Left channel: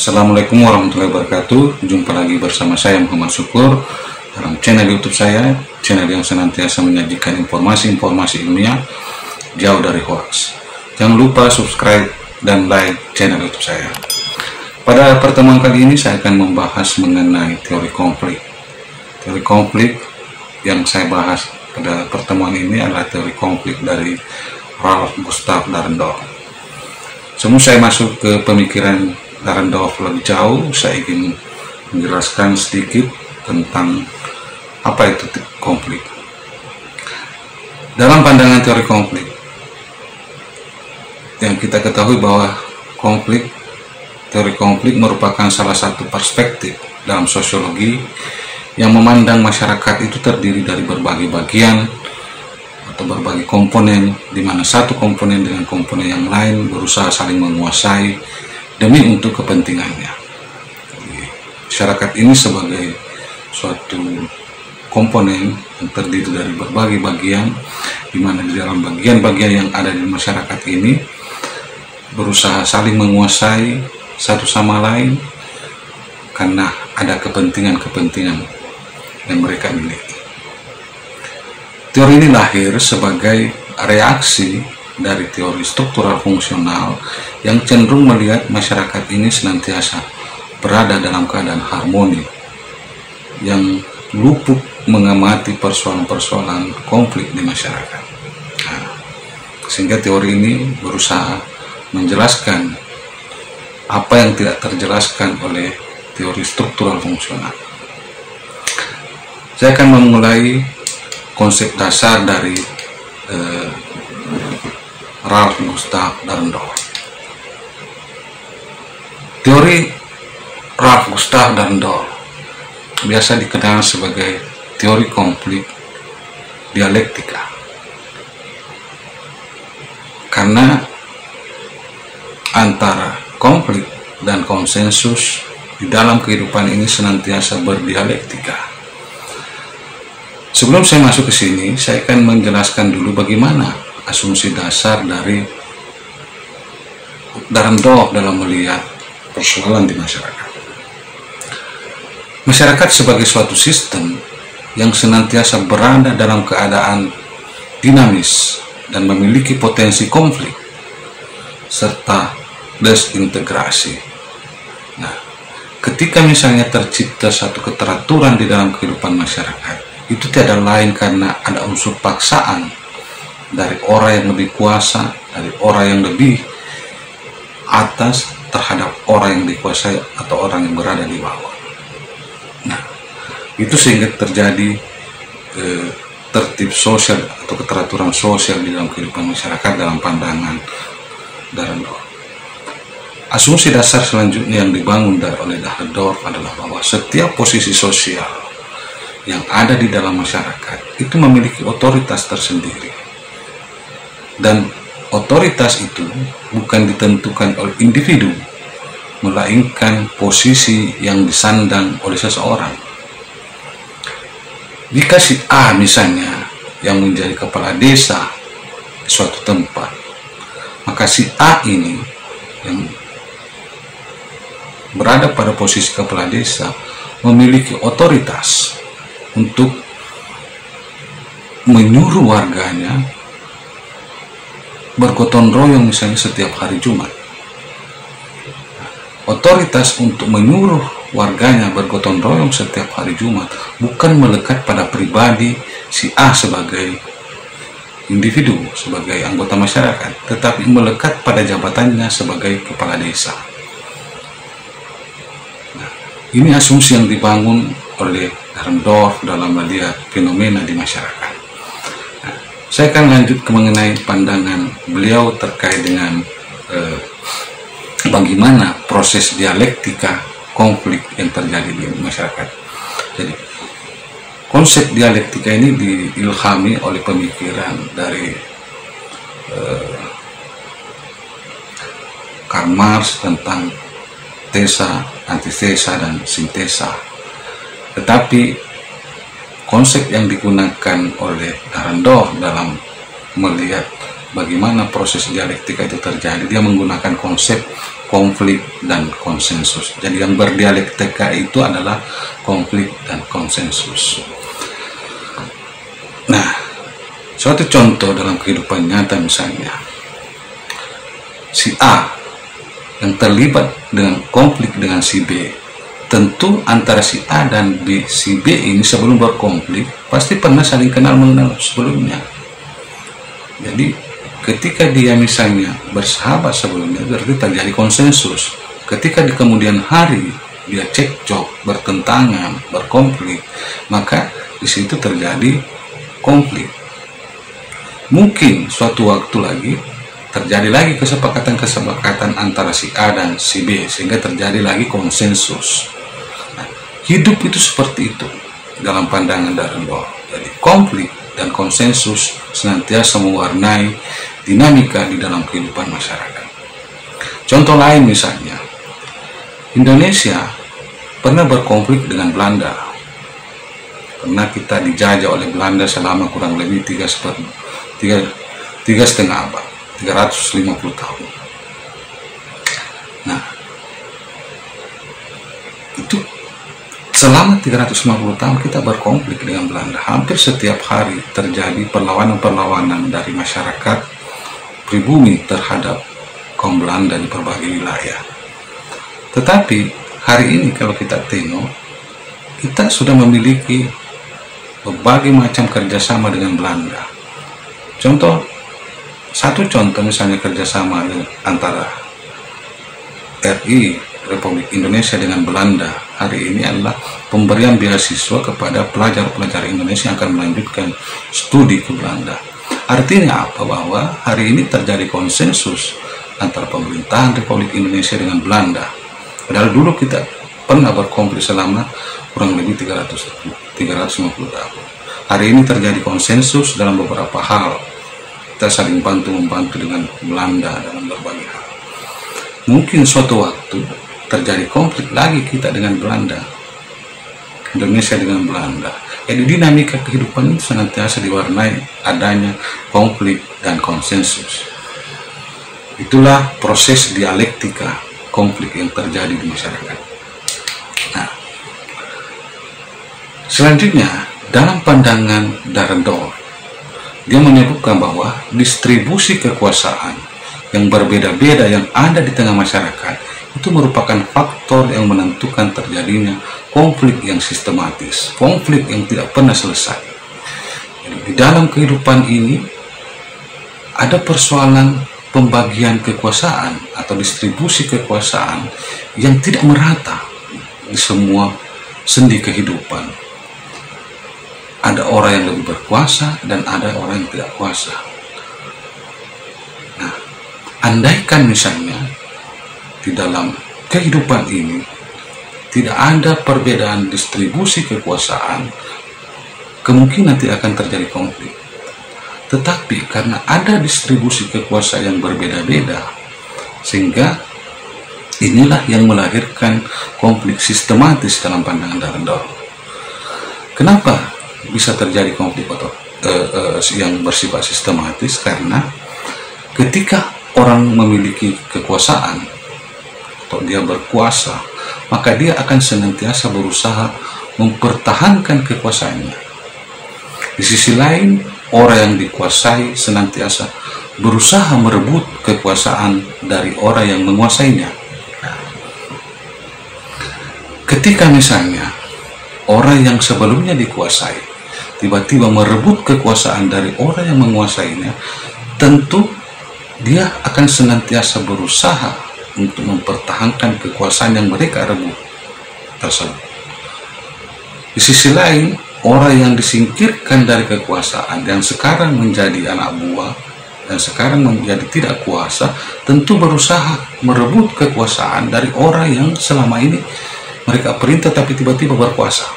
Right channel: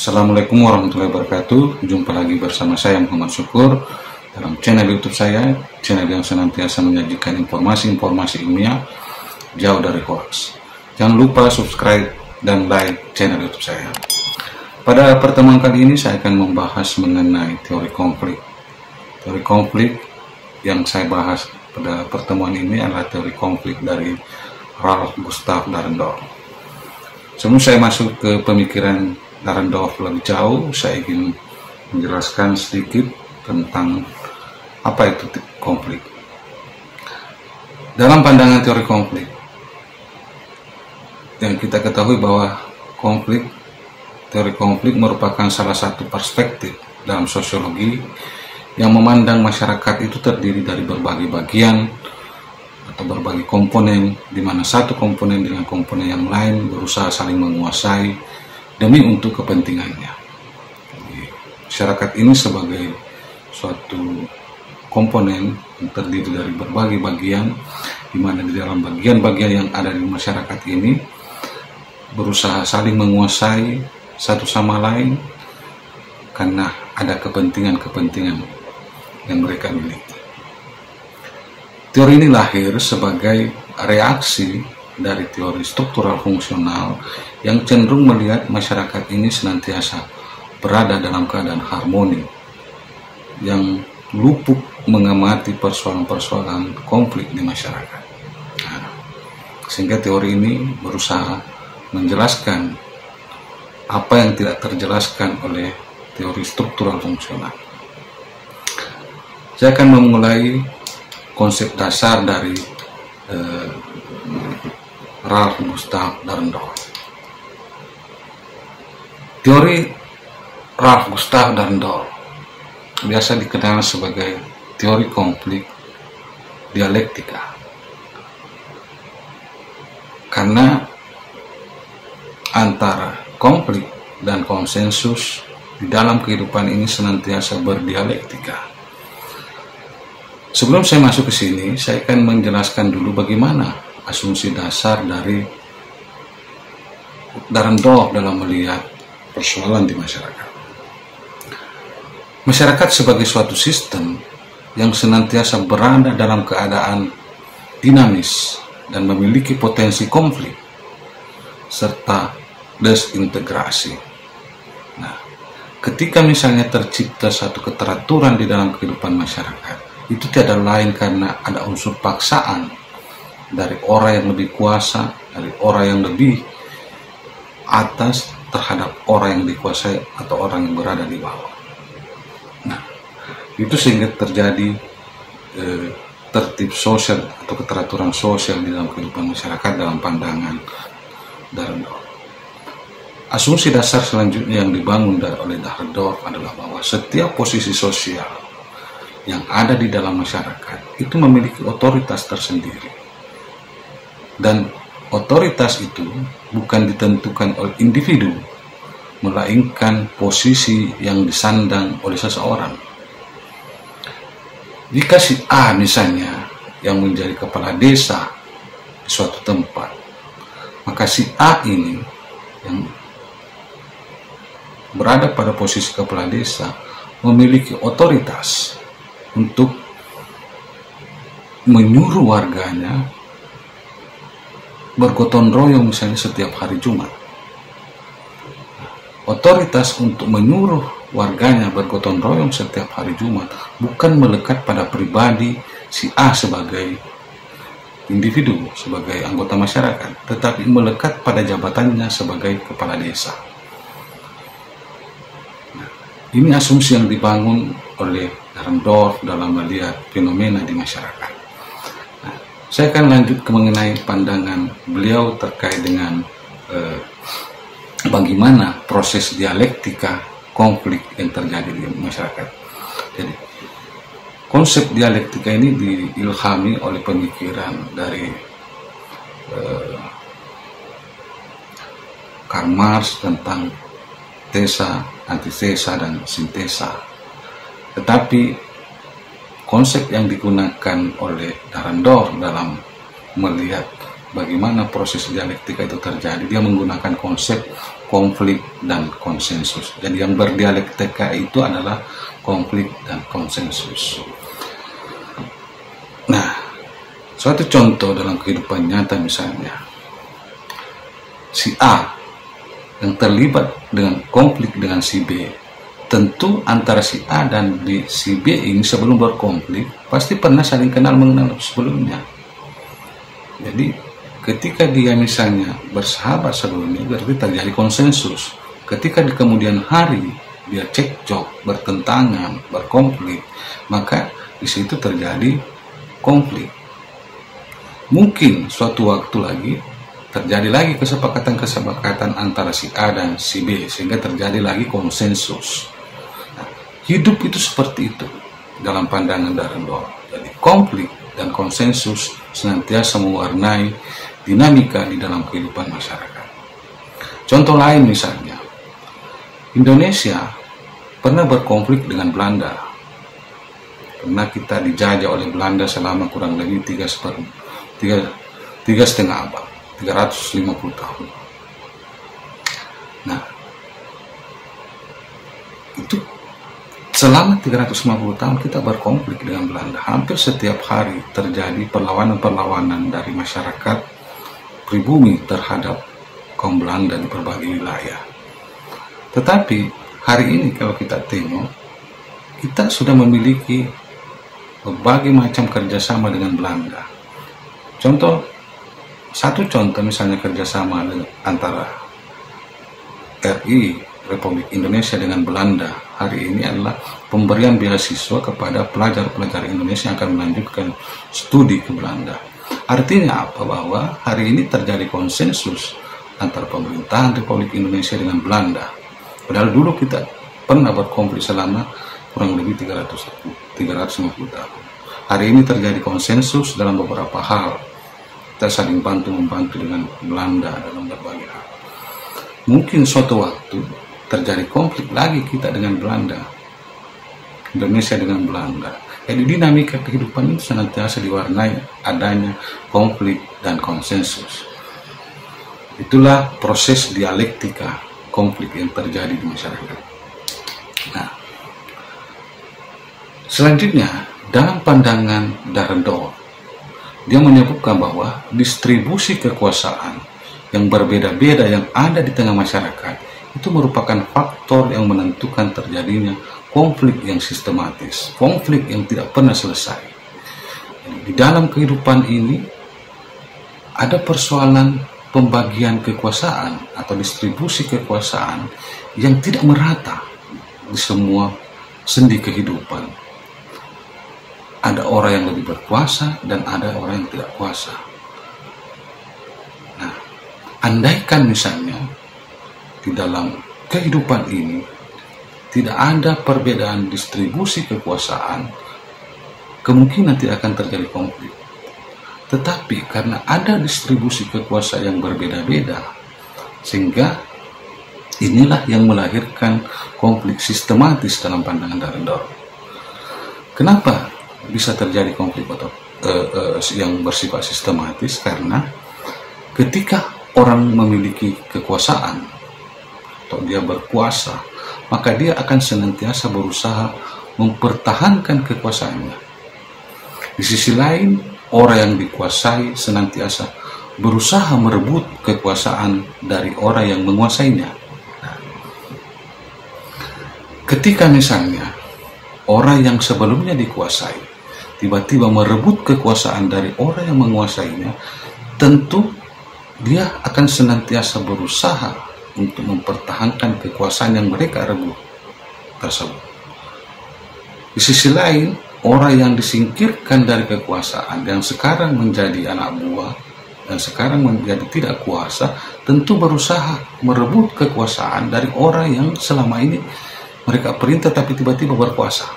Assalamualaikum warahmatullahi wabarakatuh. Jumpa lagi bersama saya Muhammad Syukur dalam channel YouTube saya, channel yang senantiasa menyajikan informasi-informasi ilmiah jauh dari hoax. Jangan lupa subscribe dan like channel YouTube saya. Pada pertemuan kali ini saya akan membahas mengenai teori konflik. Teori konflik yang saya bahas pada pertemuan ini adalah teori konflik dari Ralph Gustav Dahrendorf. Sebelum saya masuk ke pemikiran Dahrendorf lebih jauh, saya ingin menjelaskan sedikit tentang apa itu konflik. Dalam pandangan teori konflik, yang kita ketahui bahwa teori konflik merupakan salah satu perspektif dalam sosiologi yang memandang masyarakat itu terdiri dari berbagai bagian atau berbagai komponen, di mana satu komponen dengan komponen yang lain berusaha saling menguasai demi untuk kepentingannya. Masyarakat ini sebagai suatu komponen yang terdiri dari berbagai bagian, di mana di dalam bagian-bagian yang ada di masyarakat ini berusaha saling menguasai satu sama lain karena ada kepentingan-kepentingan yang mereka miliki. Teori ini lahir sebagai reaksi dari teori struktural fungsional yang cenderung melihat masyarakat ini senantiasa berada dalam keadaan harmoni, yang luput mengamati persoalan-persoalan konflik di masyarakat. Sehingga teori ini berusaha menjelaskan apa yang tidak terjelaskan oleh teori struktural fungsional. Saya akan memulai konsep dasar dari Ralph Gustav Dahrendorf. Teori Ralph Gustav Dahrendorf biasa dikenal sebagai teori konflik dialektika, karena antara konflik dan konsensus di dalam kehidupan ini senantiasa berdialektika. Sebelum saya masuk ke sini, saya akan menjelaskan dulu bagaimana asumsi dasar dari Dahrendorf dalam melihat persoalan di masyarakat. Masyarakat sebagai suatu sistem yang senantiasa berada dalam keadaan dinamis dan memiliki potensi konflik serta desintegrasi. Nah, ketika misalnya tercipta satu keteraturan di dalam kehidupan masyarakat, itu tiada lain karena ada unsur paksaan dari orang yang lebih kuasa, dari orang yang lebih atas terhadap orang yang dikuasai atau orang yang berada di bawah. Nah, itu sehingga terjadi tertib sosial atau keteraturan sosial di dalam kehidupan masyarakat dalam pandangan Dahrendorf. Asumsi dasar selanjutnya yang dibangun oleh Dahrendorf adalah bahwa setiap posisi sosial yang ada di dalam masyarakat itu memiliki otoritas tersendiri, dan otoritas itu bukan ditentukan oleh individu, melainkan posisi yang disandang oleh seseorang. Jika si A misalnya yang menjadi kepala desa di suatu tempat, maka si A ini yang berada pada posisi kepala desa memiliki otoritas untuk menyuruh warganya bergotong royong misalnya setiap hari Jumat. Otoritas untuk menyuruh warganya bergotong royong setiap hari Jumat bukan melekat pada pribadi si A sebagai individu, sebagai anggota masyarakat, tetapi melekat pada jabatannya sebagai kepala desa. Nah, ini asumsi yang dibangun oleh Dahrendorf dalam melihat fenomena di masyarakat. Nah, saya akan lanjut ke mengenai pandangan beliau terkait dengan bagaimana proses dialektika konflik yang terjadi di masyarakat. Jadi, konsep dialektika ini diilhami oleh pemikiran dari Karl Marx tentang tesa, antitesa, dan sintesa. Tetapi konsep yang digunakan oleh Dahrendorf dalam melihat bagaimana proses dialektika itu terjadi, dia menggunakan konsep konflik dan konsensus. Jadi yang berdialektika itu adalah konflik dan konsensus. Nah, suatu contoh dalam kehidupan nyata misalnya, si A yang terlibat dengan konflik dengan si B, tentu antara si A dan si B ini sebelum berkonflik pasti pernah saling kenal mengenal sebelumnya. Jadi ketika dia misalnya bersahabat sebelumnya, berarti terjadi konsensus. Ketika di kemudian hari dia cekcok, bertentangan, berkonflik, maka di situ terjadi konflik. Mungkin suatu waktu lagi terjadi lagi kesepakatan antara si A dan si B, sehingga terjadi lagi konsensus. Nah, hidup itu seperti itu dalam pandangan Darendorf. Jadi konflik dan konsensus senantiasa mewarnai dinamika di dalam kehidupan masyarakat. Contoh lain misalnya, Indonesia pernah berkonflik dengan Belanda. Pernah kita dijajah oleh Belanda selama kurang lebih 3,5 abad, 350 tahun. Nah, itu selama 350 tahun kita berkonflik dengan Belanda. Hampir setiap hari terjadi perlawanan-perlawanan dari masyarakat pribumi terhadap kaum Belanda di berbagai wilayah. Tetapi hari ini kalau kita tengok, kita sudah memiliki berbagai macam kerjasama dengan Belanda. Satu contoh misalnya kerjasama antara RI Republik Indonesia dengan Belanda hari ini adalah pemberian beasiswa kepada pelajar-pelajar Indonesia yang akan melanjutkan studi ke Belanda. Artinya apa? Bahwa hari ini terjadi konsensus antara pemerintahan Republik Indonesia dengan Belanda. Padahal dulu kita pernah berkonflik selama kurang lebih 350 tahun. Hari ini terjadi konsensus dalam beberapa hal. Kita saling bantu-membantu dengan Belanda dalam berbagai hal. Mungkin suatu waktu terjadi konflik lagi kita dengan Belanda, Indonesia dengan Belanda. Jadi dinamika kehidupan itu senantiasa diwarnai adanya konflik dan konsensus. Itulah proses dialektika konflik yang terjadi di masyarakat. Nah, selanjutnya dalam pandangan Darendorf, dia menyebutkan bahwa distribusi kekuasaan yang berbeda-beda yang ada di tengah masyarakat itu merupakan faktor yang menentukan terjadinya konflik yang sistematis, konflik yang tidak pernah selesai. Jadi, di dalam kehidupan ini ada persoalan pembagian kekuasaan atau distribusi kekuasaan yang tidak merata di semua sendi kehidupan. Ada orang yang lebih berkuasa dan ada orang yang tidak kuasa. Nah, andaikan misalnya di dalam kehidupan ini tidak ada perbedaan distribusi kekuasaan, kemungkinan tidak akan terjadi konflik. Tetapi karena ada distribusi kekuasaan yang berbeda-beda, sehingga inilah yang melahirkan konflik sistematis dalam pandangan Darendorf. Kenapa bisa terjadi konflik yang bersifat sistematis? Karena ketika orang memiliki kekuasaan atau dia berkuasa, maka dia akan senantiasa berusaha mempertahankan kekuasaannya. Di sisi lain, orang yang dikuasai senantiasa berusaha merebut kekuasaan dari orang yang menguasainya. Ketika misalnya orang yang sebelumnya dikuasai tiba-tiba merebut kekuasaan dari orang yang menguasainya, tentu dia akan senantiasa berusaha untuk mempertahankan kekuasaan yang mereka rebut tersebut. Di sisi lain, orang yang disingkirkan dari kekuasaan, yang sekarang menjadi anak buah dan sekarang menjadi tidak kuasa, tentu berusaha merebut kekuasaan dari orang yang selama ini mereka perintah tapi tiba-tiba berkuasa.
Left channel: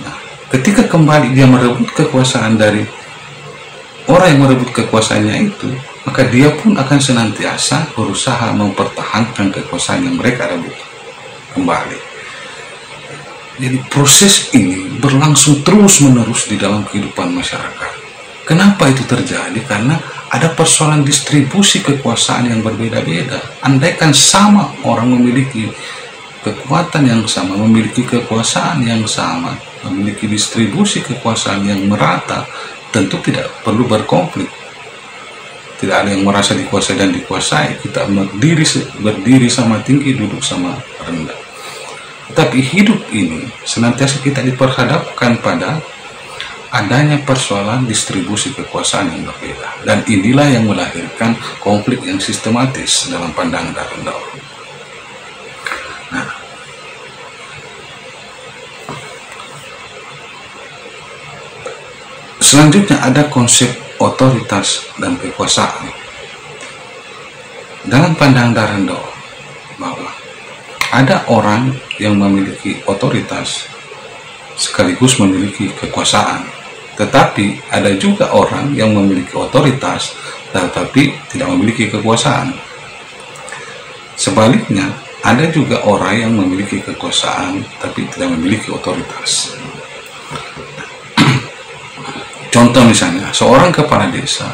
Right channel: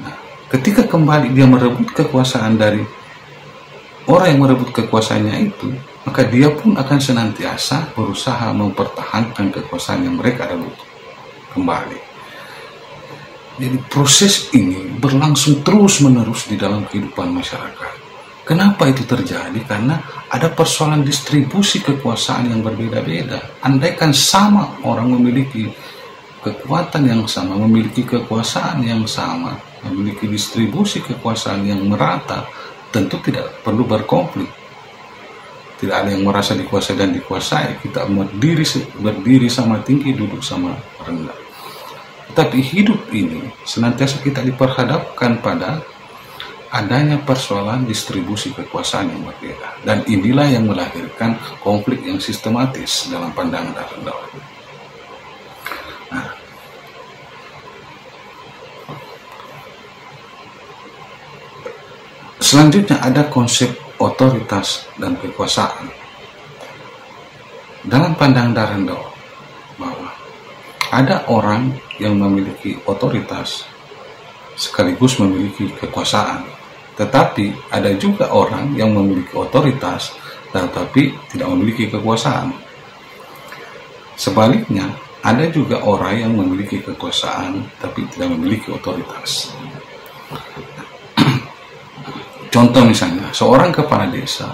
Nah, ketika kembali dia merebut kekuasaan dari orang yang merebut kekuasaannya itu, maka dia pun akan senantiasa berusaha mempertahankan kekuasaan yang mereka rebut kembali. Jadi proses ini berlangsung terus-menerus di dalam kehidupan masyarakat. Kenapa itu terjadi? Karena ada persoalan distribusi kekuasaan yang berbeda-beda. Andaikan sama orang memiliki kekuatan yang sama, memiliki kekuasaan yang sama, memiliki distribusi kekuasaan yang merata, tentu tidak perlu berkonflik. Tidak ada yang merasa dikuasai dan dikuasai. Kita berdiri sama tinggi, duduk sama rendah. Tapi hidup ini senantiasa kita diperhadapkan pada adanya persoalan distribusi kekuasaan yang berbeda. Dan inilah yang melahirkan konflik yang sistematis dalam pandangan Dahrendorf. Nah, selanjutnya ada konsep otoritas dan kekuasaan. Dalam pandangan Dahrendorf bahwa ada orang yang memiliki otoritas sekaligus memiliki kekuasaan. Tetapi ada juga orang yang memiliki otoritas tetapi tidak memiliki kekuasaan. Sebaliknya, ada juga orang yang memiliki kekuasaan tapi tidak memiliki otoritas. Contoh misalnya, seorang kepala desa,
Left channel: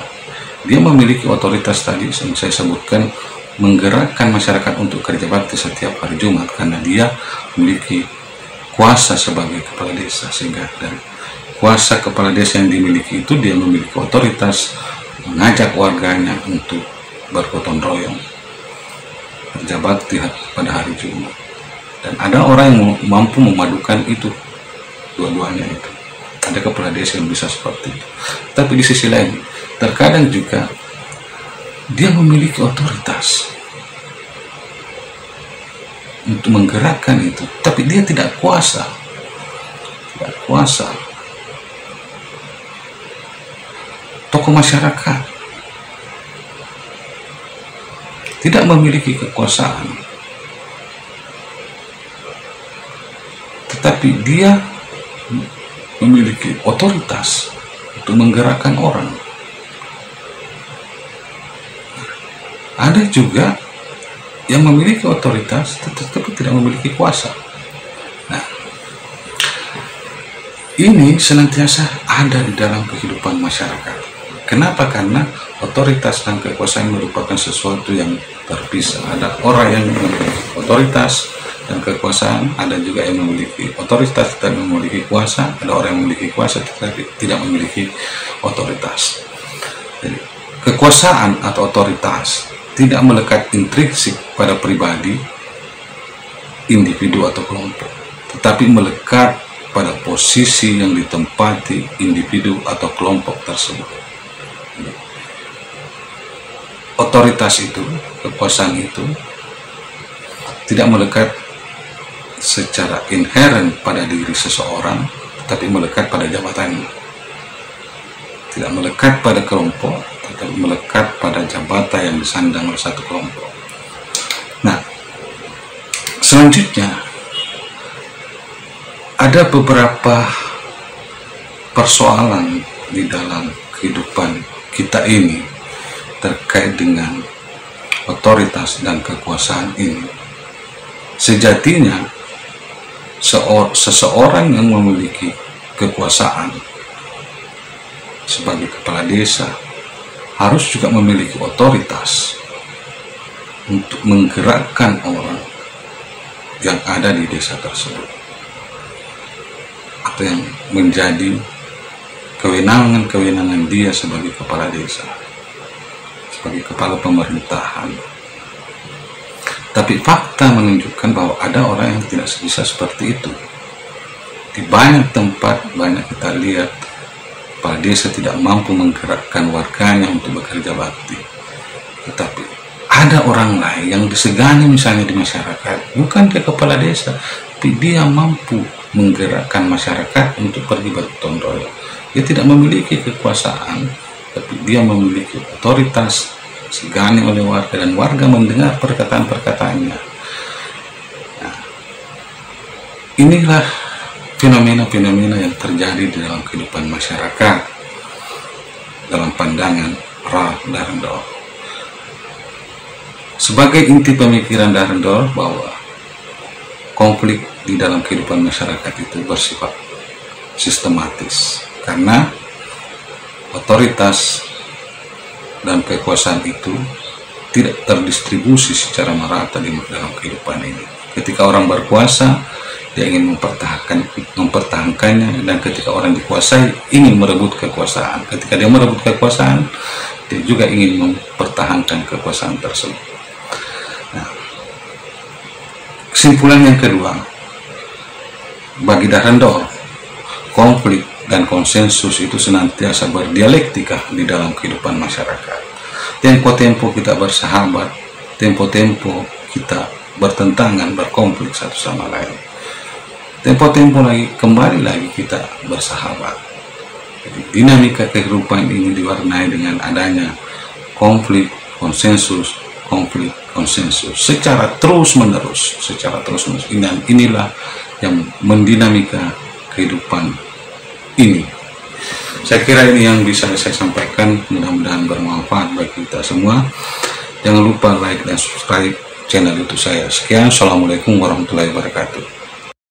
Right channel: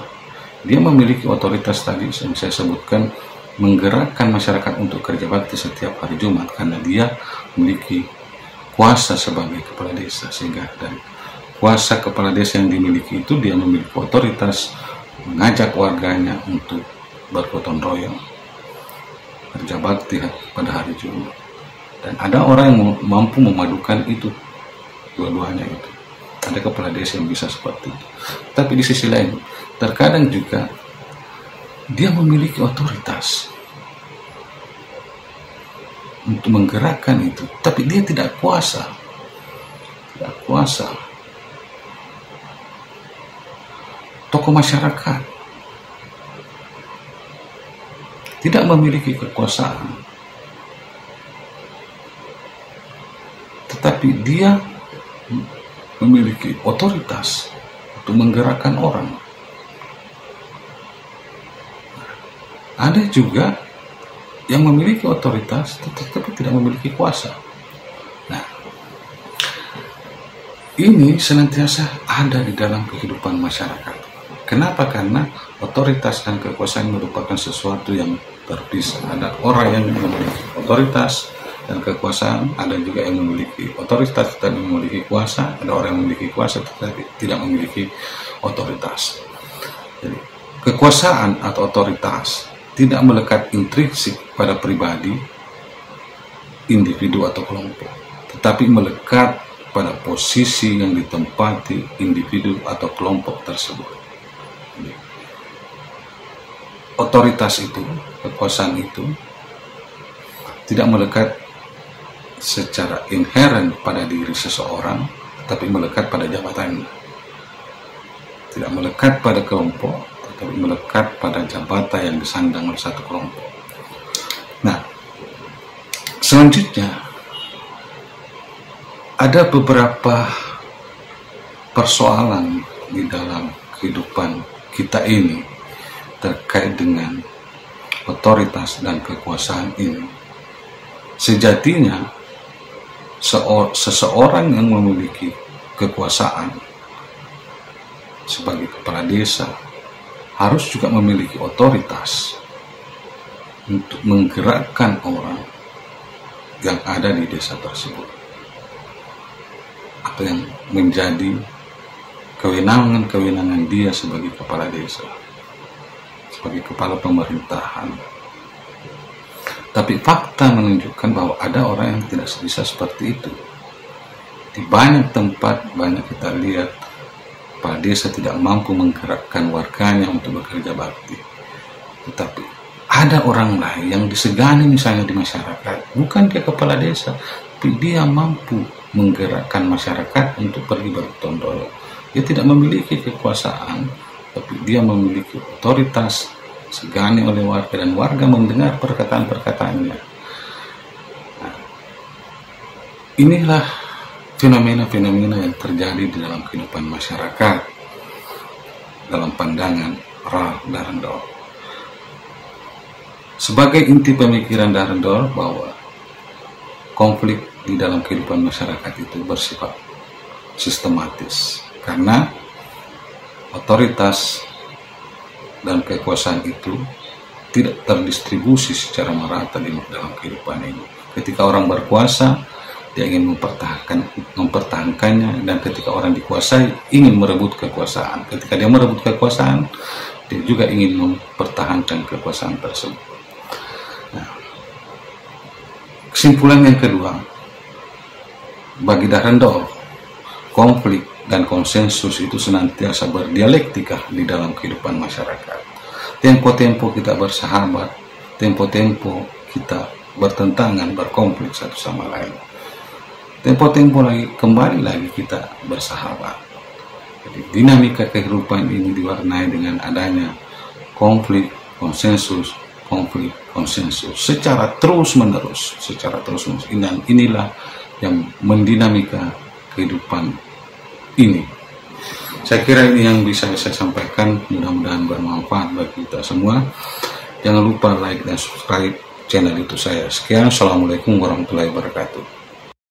dia memiliki otoritas tadi yang saya sebutkan, menggerakkan masyarakat untuk kerja bakti setiap hari Jumat karena dia memiliki kuasa sebagai kepala desa, sehingga dari kuasa kepala desa yang dimiliki itu dia memiliki otoritas mengajak warganya untuk bergotong royong kerja bakti pada hari Jumat. Dan ada orang yang mampu memadukan itu, dua-duanya itu. Ada kepala desa yang bisa seperti itu. Tapi di sisi lain, terkadang juga dia memiliki otoritas untuk menggerakkan itu, tapi dia tidak kuasa. Tidak kuasa. Tokoh masyarakat tidak memiliki kekuasaan, tetapi dia memiliki otoritas untuk menggerakkan orang. Ada juga yang memiliki otoritas tetapi tidak memiliki kuasa. Nah, ini senantiasa ada di dalam kehidupan masyarakat. Kenapa? Karena otoritas dan kekuasaan merupakan sesuatu yang terpisah. Ada orang yang memiliki otoritas dan kekuasaan, ada juga yang memiliki otoritas tetapi memiliki kuasa, ada orang yang memiliki kuasa tetapi tidak memiliki otoritas. Jadi, kekuasaan atau otoritas tidak melekat intrinsik pada pribadi, individu atau kelompok, tetapi melekat pada posisi yang ditempati individu atau kelompok tersebut. Otoritas itu, kekuasaan itu tidak melekat secara inheren pada diri seseorang, tetapi melekat pada jabatannya. Tidak melekat pada kelompok, tetapi melekat pada jabatan yang disandang oleh satu kelompok. Nah, selanjutnya ada beberapa persoalan di dalam kehidupan kita ini terkait dengan otoritas dan kekuasaan ini. Sejatinya seseorang yang memiliki kekuasaan sebagai kepala desa harus juga memiliki otoritas untuk menggerakkan orang yang ada di desa tersebut, atau yang menjadi kewenangan dia sebagai kepala desa, sebagai kepala pemerintahan. Tapi fakta menunjukkan bahwa ada orang yang tidak bisa seperti itu. Di banyak tempat, banyak kita lihat kepala desa tidak mampu menggerakkan warganya untuk bekerja bakti. Tetapi ada orang lain yang disegani misalnya di masyarakat, bukan dia kepala desa, tapi dia mampu menggerakkan masyarakat untuk pergi bergotong royong. Dia tidak memiliki kekuasaan, tapi dia memiliki otoritas, disegani oleh warga, dan warga mendengar perkataan-perkataannya. Nah, inilah fenomena-fenomena yang terjadi di dalam kehidupan masyarakat dalam pandangan Ralph Dahrendorf. Sebagai inti pemikiran Dahrendorf bahwa konflik di dalam kehidupan masyarakat itu bersifat sistematis, karena otoritas dan kekuasaan itu tidak terdistribusi secara merata di dalam kehidupan ini. Ketika orang berkuasa, dia ingin mempertahankannya, dan ketika orang dikuasai ingin merebut kekuasaan. Ketika dia merebut kekuasaan, dia juga ingin mempertahankan kekuasaan tersebut. Nah, kesimpulan yang kedua, bagi Dahrendorf, konflik dan konsensus itu senantiasa berdialektika di dalam kehidupan masyarakat. Tempo-tempo kita bersahabat, tempo-tempo kita bertentangan, berkonflik satu sama lain. Tempo-tempo lagi, kembali lagi kita bersahabat. Jadi, dinamika kehidupan ini diwarnai dengan adanya konflik, konsensus, konflik, konsensus secara terus-menerus, dan inilah yang mendinamika kehidupan ini. Saya kira ini yang bisa saya sampaikan, mudah-mudahan bermanfaat bagi kita semua. Jangan lupa like dan subscribe channel YouTube saya. Sekian, assalamualaikum warahmatullahi wabarakatuh.